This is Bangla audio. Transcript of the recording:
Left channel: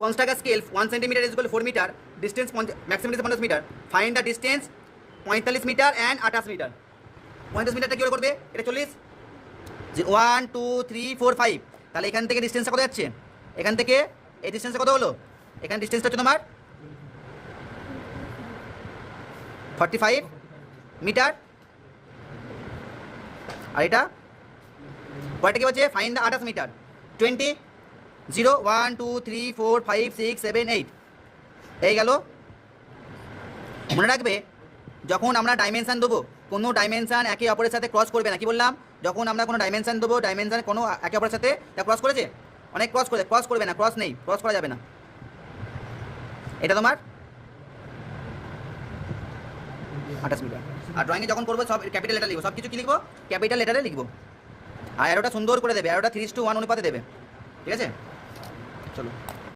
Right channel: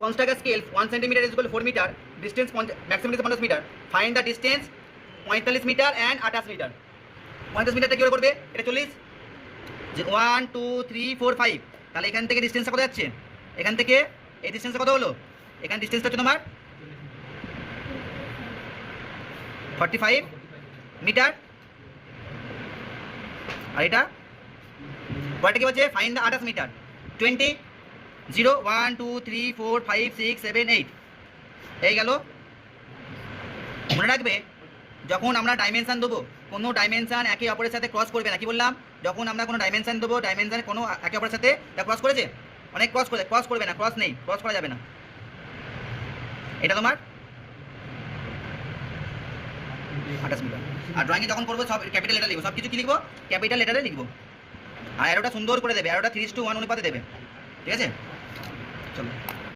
Construct a scale 1 centimeter is equal to 4 meter, distance maximum is 50 meter, find the distance 45 metre and 28 metre. 45 মিটারটা কি করবে, এটা 40, 1 2 3 4 5, তাহলে এখান থেকে ডিস্টেন্সটা কত যাচ্ছে, এখান থেকে এই ডিস্টেন্সটা কত হলো, এখানে ডিস্টেন্সটা হচ্ছে তোমার 45 মিটার, আর এটা পরেরটা কি হচ্ছে ফাইন্ড দ্য 28 মিটার, 20 0 1 2 3 4 5 6 7 8 এই গেল। মনে রাখবে যখন আমরা ডাইমেনশান দেবো, কোনো ডাইমেনশান একে অপরের সাথে ক্রস করবে না। কি বললাম, যখন আমরা কোনো ডাইমেনশান দেবো, ডাইমেনশান কোনো একে অপরের সাথে তা ক্রস করেছে, অনেক ক্রস করবে না, ক্রস নেই, ক্রস করা যাবে না। এটা তোমার 28 মিটার। আর ড্রয়িংয়ে যখন করবো সব ক্যাপিটাল লেটার লিখবো, সব কিছু কি লিখবো, ক্যাপিটাল লেটারে লিখবো। আর অ্যারোটা সুন্দর করে দেবে, অ্যারোটা 3:1 অনুপাতে দেবে, ঠিক আছে। চলো।